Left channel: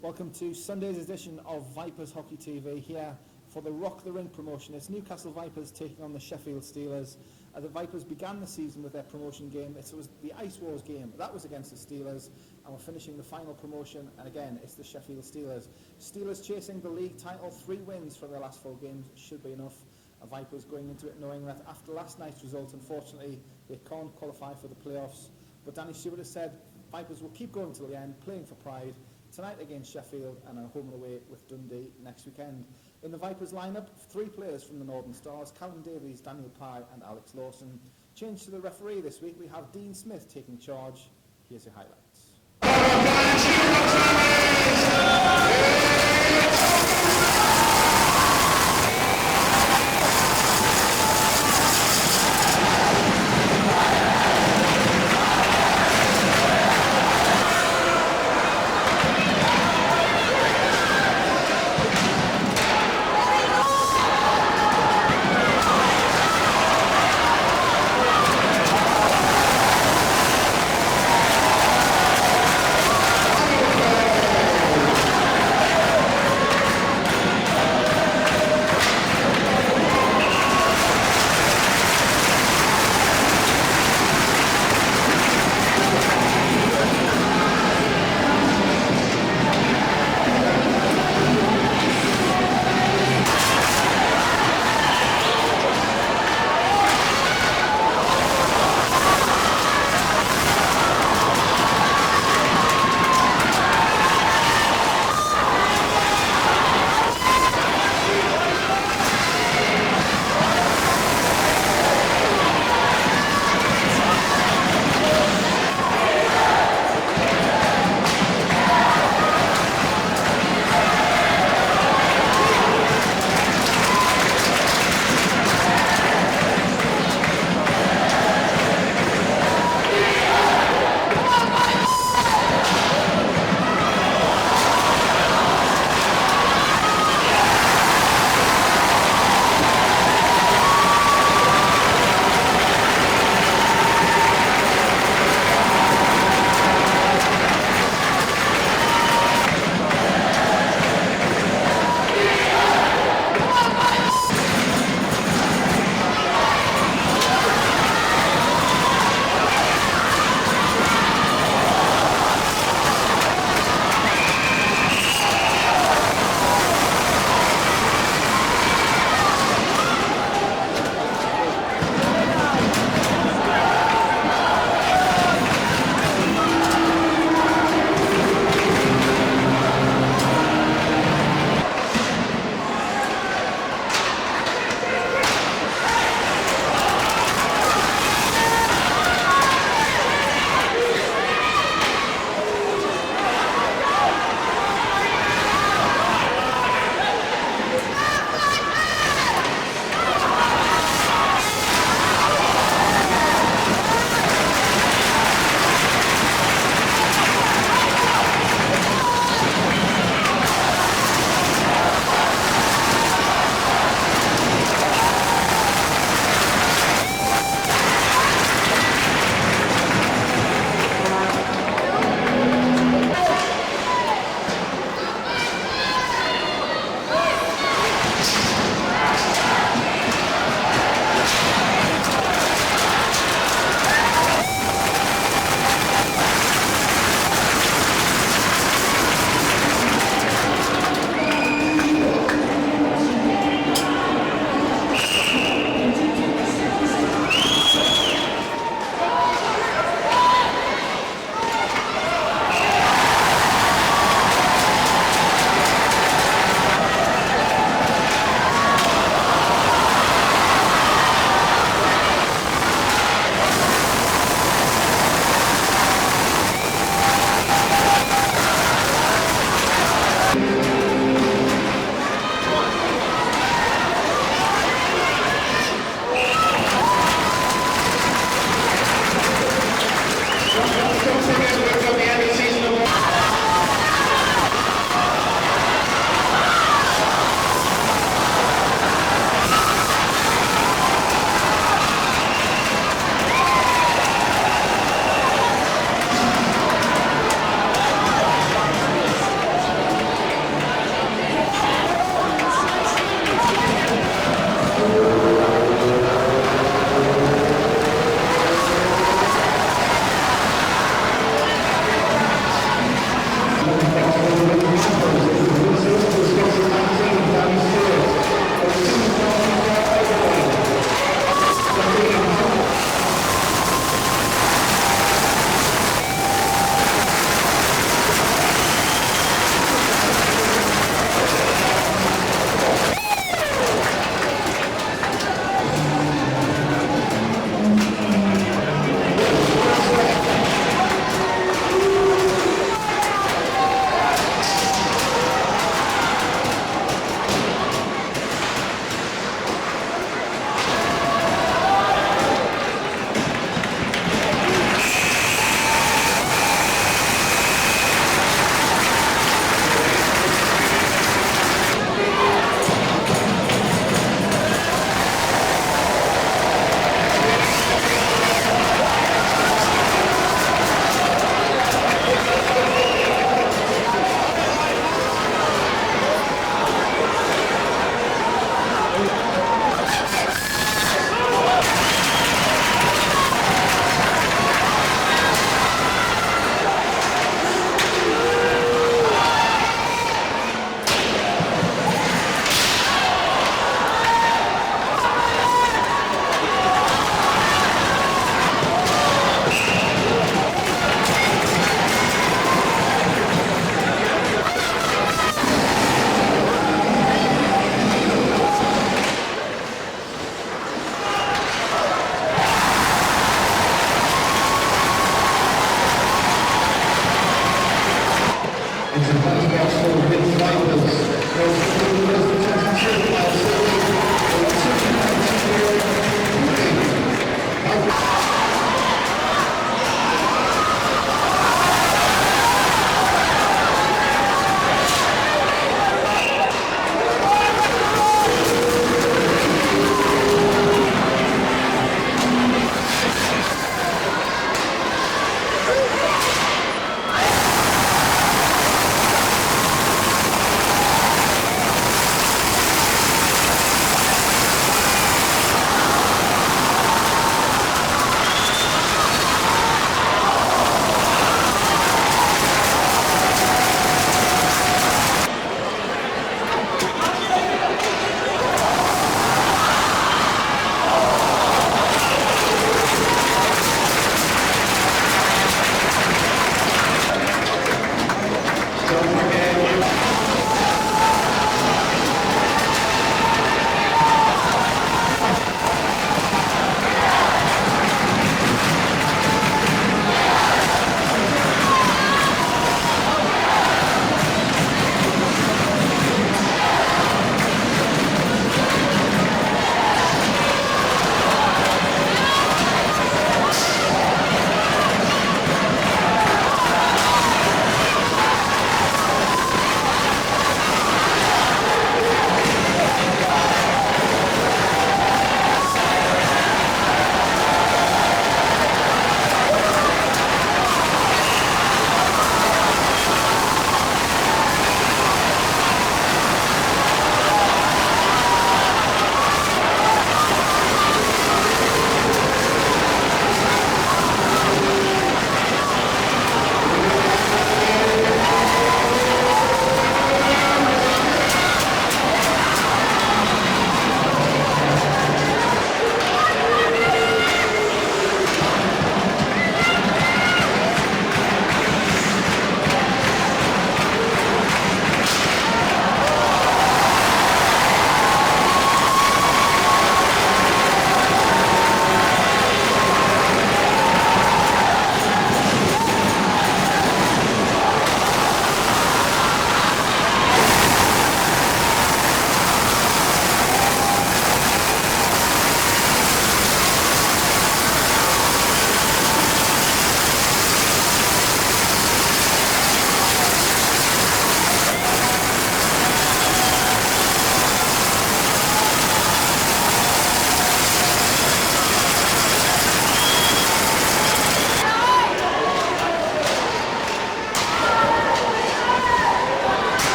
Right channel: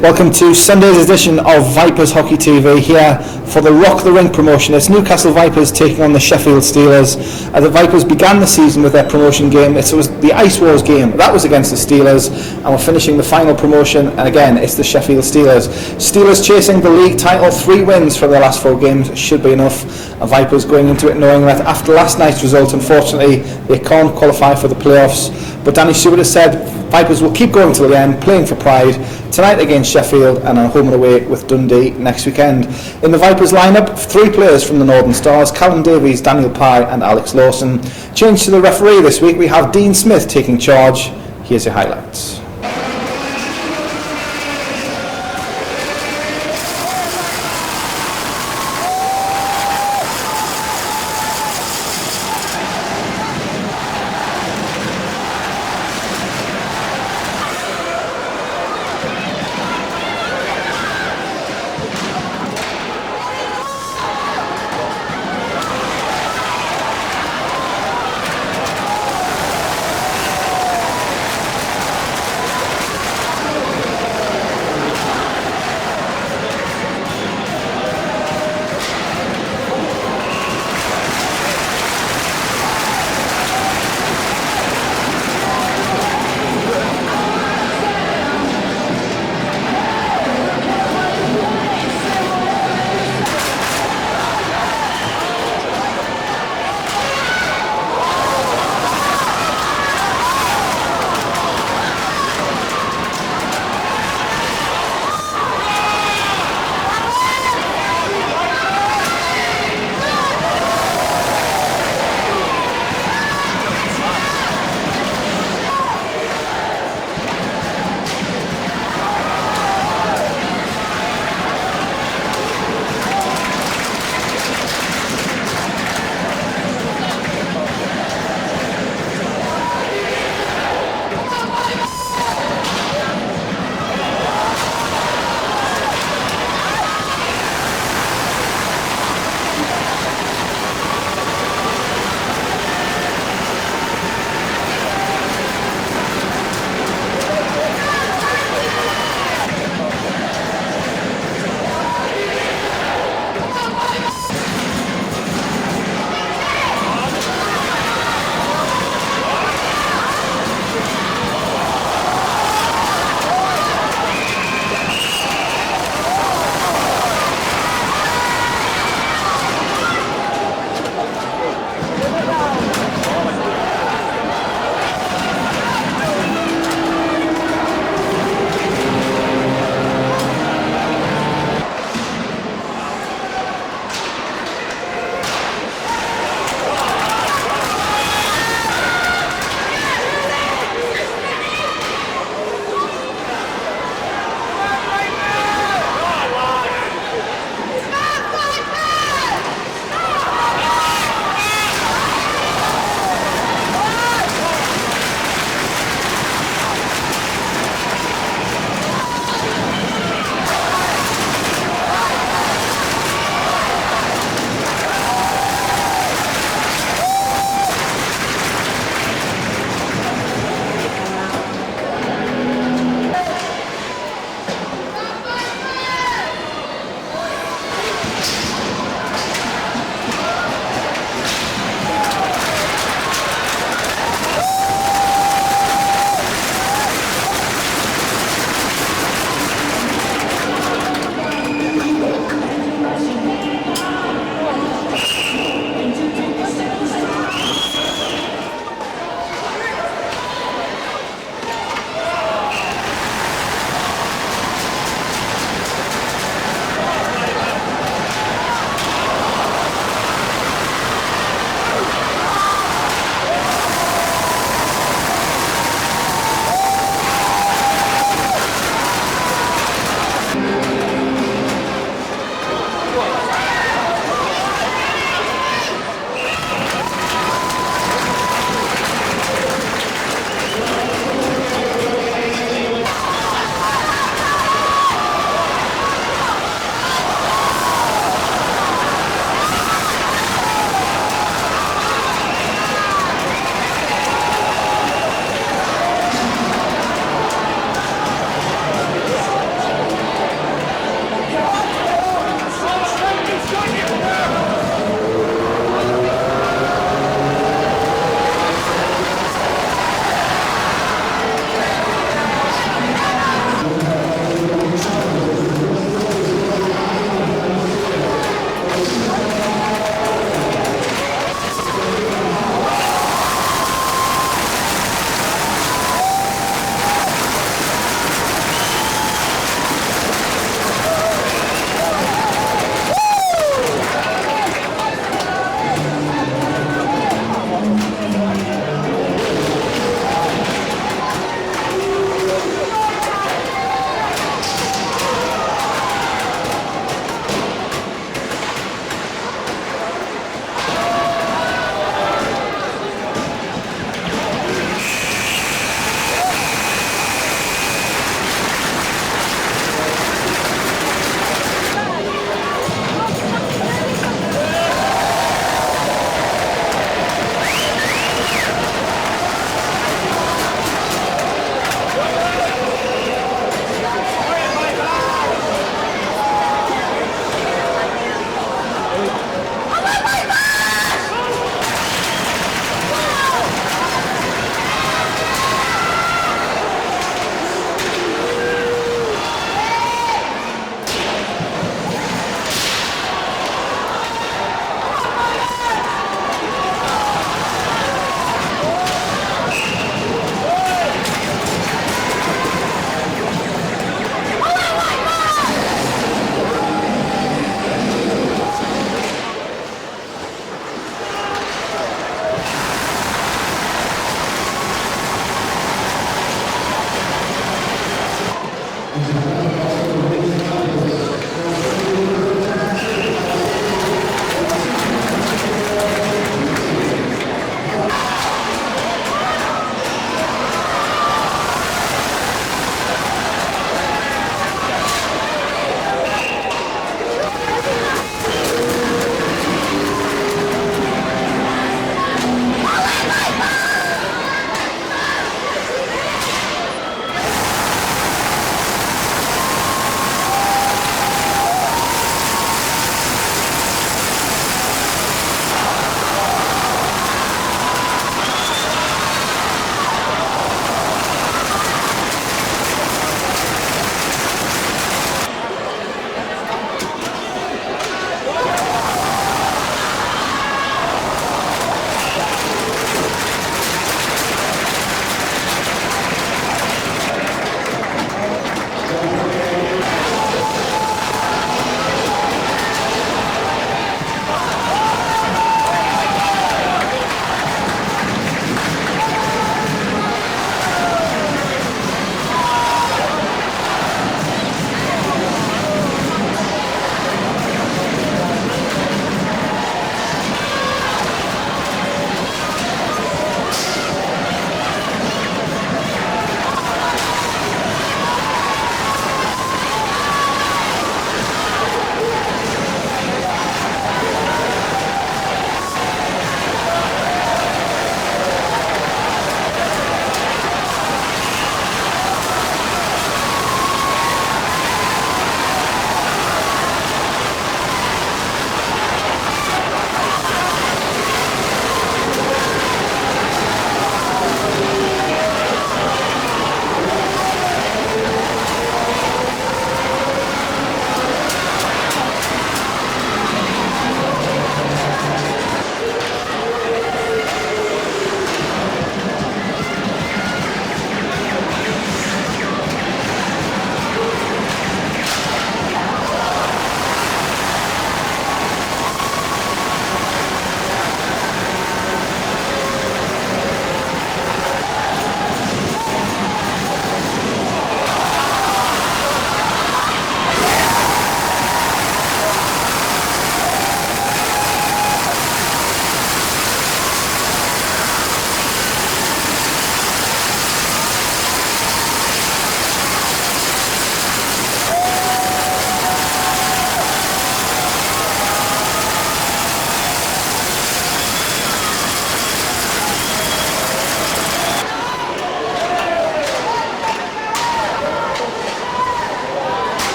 Welcome to Sunday's edition of Vipers Hockey TV here for the Rock the Rink promotion. It's Newcastle Vipers taking on the Sheffield Steelers. The Vipers began the season with their promotion game. It was the Ice Wars game. That was against the Steelers, and we're finishing the final promotion, and again it's the Sheffield Steelers. Steelers chasing the league title, 3 wins from their last 4 games should be enough. Vipers going into it knowing that after last night's result, unfortunately they can't qualify for the playoffs. But Danny Stewart has said Vipers will keep going till the end, playing for pride, tonight against Sheffield and on home and away with Dundee next weekend. In the Vipers lineup, 3 players from the Northern Stars: Callum Davies, Daniel Pye and Alex Lawson. Change to the referee this week, we have Dean Smith taking charge. Here's your highlights.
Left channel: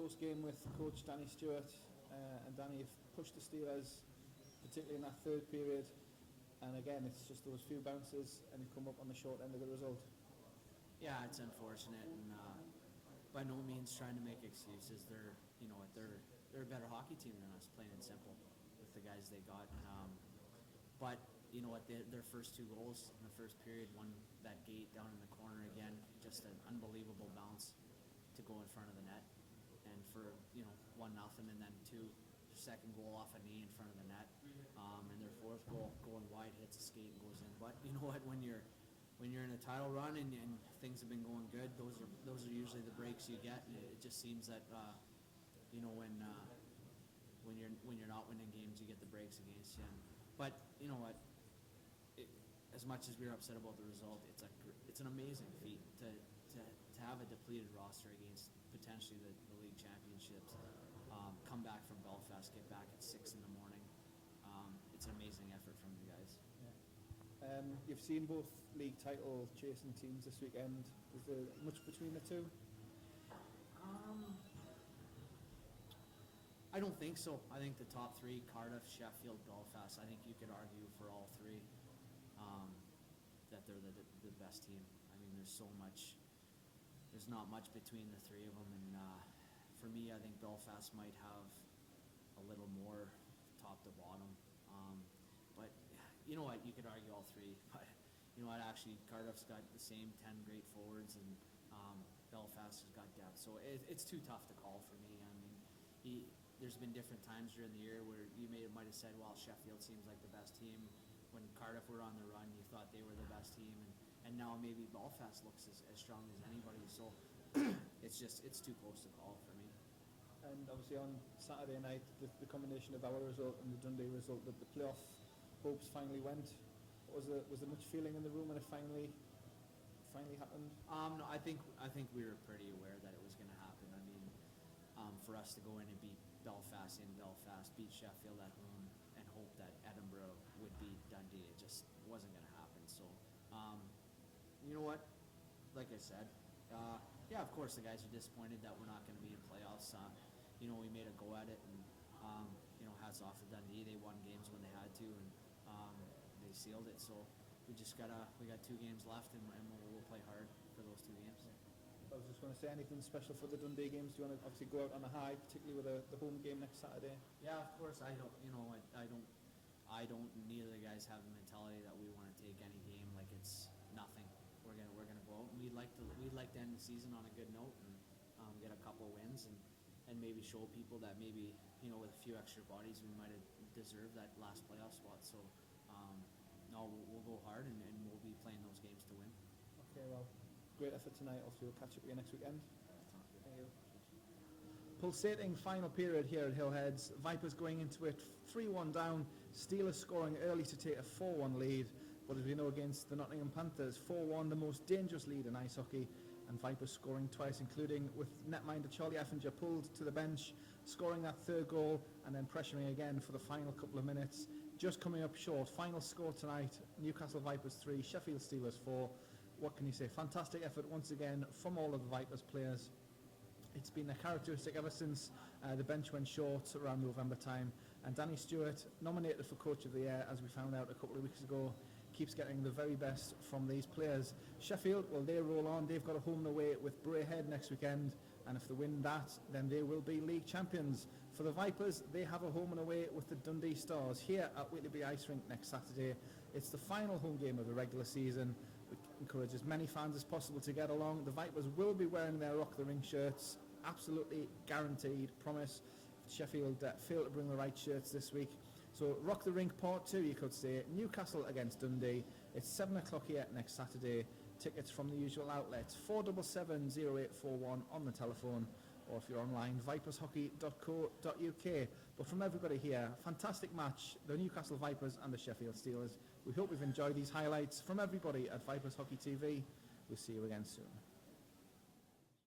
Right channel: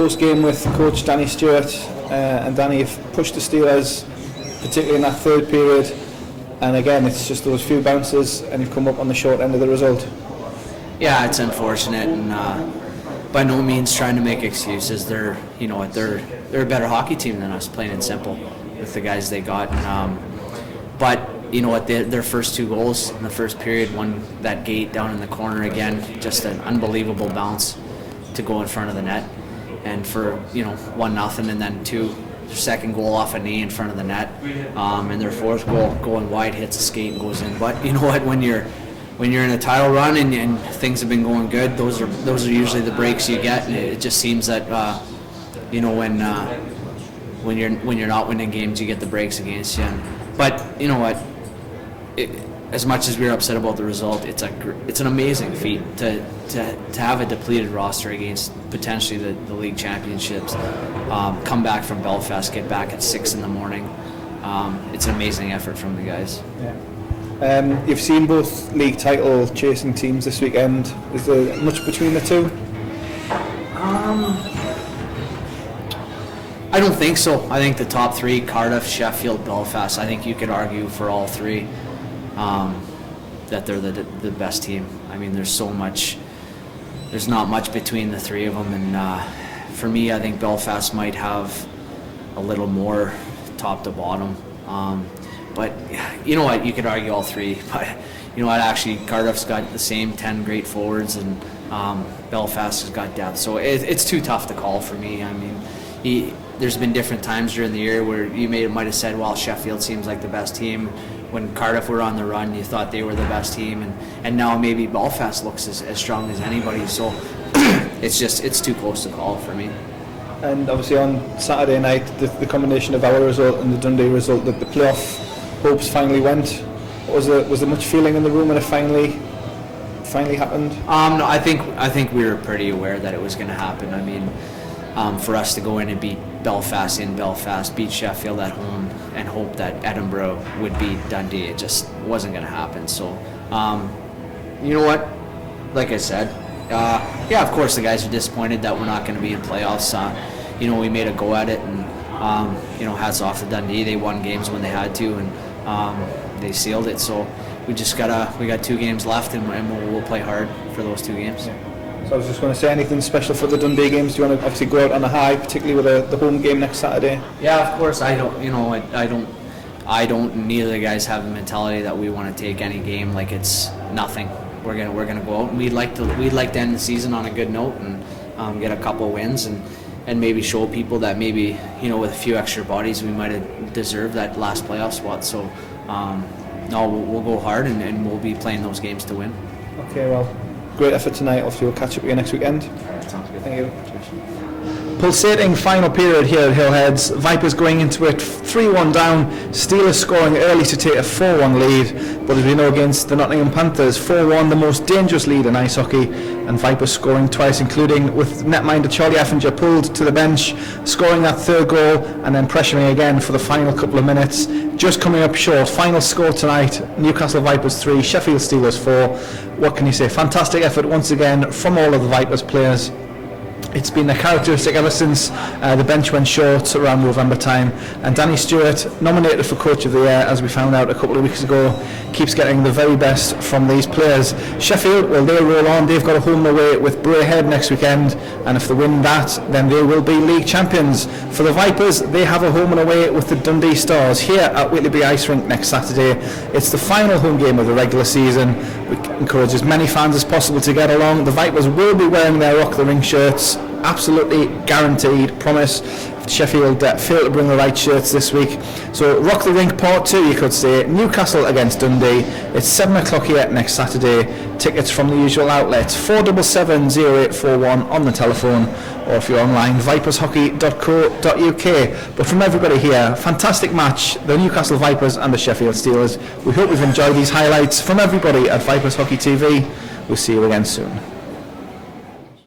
Post-game with coach Danny Stewart, and Danny, you've pushed the Steelers, particularly in that third period, and again it's just those few bounces and you've come up on the short end of the result. Yeah, it's unfortunate, and by no means trying to make excuses. They're a better hockey team than us, plain and simple, with the guys they got. But you know what, their first two goals in the first period, one that gate down in the corner again, just an unbelievable bounce to go in front of the net, and for 1-0, and then their second goal off a knee in front of the net, and their fourth goal going wide, hits a skate and goes in. But you know what, when you're in a title run and things have been going good, those are usually the breaks you get, and it just seems that when you're not winning games, you get the breaks against you. But you know what, as much as we were upset about the result, it's an amazing feat to have a depleted roster against potentially the league championships, come back from Belfast, get back at 6 in the morning. It's an amazing effort from the guys. Yeah. You've seen both league title chasing teams this weekend. Is there much between the two? I don't think so. I think the top three, Cardiff, Sheffield, Belfast, I think you could argue for all three that they're the best team. I mean, there's not much between the three of them, and for me, I think Belfast might have a little more top to bottom. But you know what, you could argue all three, but you know what, actually Cardiff's got the same 10 great forwards, and Belfast has got depth, so it's too tough to call for me. I mean, there's been different times during the year where you might have said, well, Sheffield seems like the best team. When Cardiff were on the run, you thought they were the best team, and now maybe Belfast looks as strong as anybody, so it's too close to call for me. And obviously on Saturday night, the combination of our result and the Dundee result, that the playoff hopes finally went. Was there much feeling in the room when it finally happened? No, I think we were pretty aware that it was going to happen. I mean, for us to go in and beat Belfast in Belfast, beat Sheffield at home, and hope that Edinburgh would beat Dundee, it just wasn't going to happen. So, you know what? Like I said, yeah, of course the guys are disappointed that we're not going to be in playoffs. You know, we made a go at it, and you know, hats off to Dundee. They won games when they had to, and they sealed it. So we got 2 games left, and we'll play hard for those 2 games. Yeah. So I was just going to say, anything special for the Dundee games? Do you want to obviously go out on a high, particularly with the home game next Saturday? Yeah, of course. I don't. Neither of the guys have the mentality that we want to take any game like it's nothing. We're gonna go out, and we'd like to end the season on a good note and get a couple of wins and maybe show people that maybe, you know, with a few extra bodies we might have deserved that last playoff spot. So no, we'll go hard, and we'll be playing those games to win. Okay, well, great effort tonight. Obviously we'll catch up with you next weekend. Sounds good. Thank you. Pulsating final period here at Hillheads. Vipers going into it 3-1 down. Steelers scoring early to take a 4-1 lead. But as we know, against the Nottingham Panthers, 4-1, the most dangerous lead in ice hockey. And Vipers scoring twice, including with netminder Charlie Effinger pulled to the bench, scoring that 3rd goal, and then pressuring again for the final couple of minutes. Just coming up short. Final score tonight, Newcastle Vipers 3, Sheffield Steelers 4. What can you say? Fantastic effort once again from all of the Vipers players. It's been a characteristic ever since the bench went short around November time, and Danny Stewart, nominated for Coach of the Year, as we found out a couple of weeks ago, keeps getting the very best from these players. Sheffield, well, they roll on. They've got a home and away with Braehead next weekend, and if they win that, then they will be league champions. For the Vipers, they have a home and away with the Dundee Stars here at Whitley Ice Rink next Saturday. It's the final home game of the regular season. We encourage as many fans as possible to get along. The Vipers will be wearing their Rock the Ring shirts. Absolutely guaranteed, promise. Sheffield failed to bring the right shirts this week. So Rock the Rink Part 2, you could say. Newcastle against Dundee. It's 7 o'clock here next Saturday. Tickets from the usual outlets, 477-0841 on the telephone, or if you're online, vipershockey.co.uk. But from everybody here, fantastic match, the Newcastle Vipers and the Sheffield Steelers. We hope you've enjoyed these highlights. From everybody at Vipers Hockey TV, we'll see you again soon.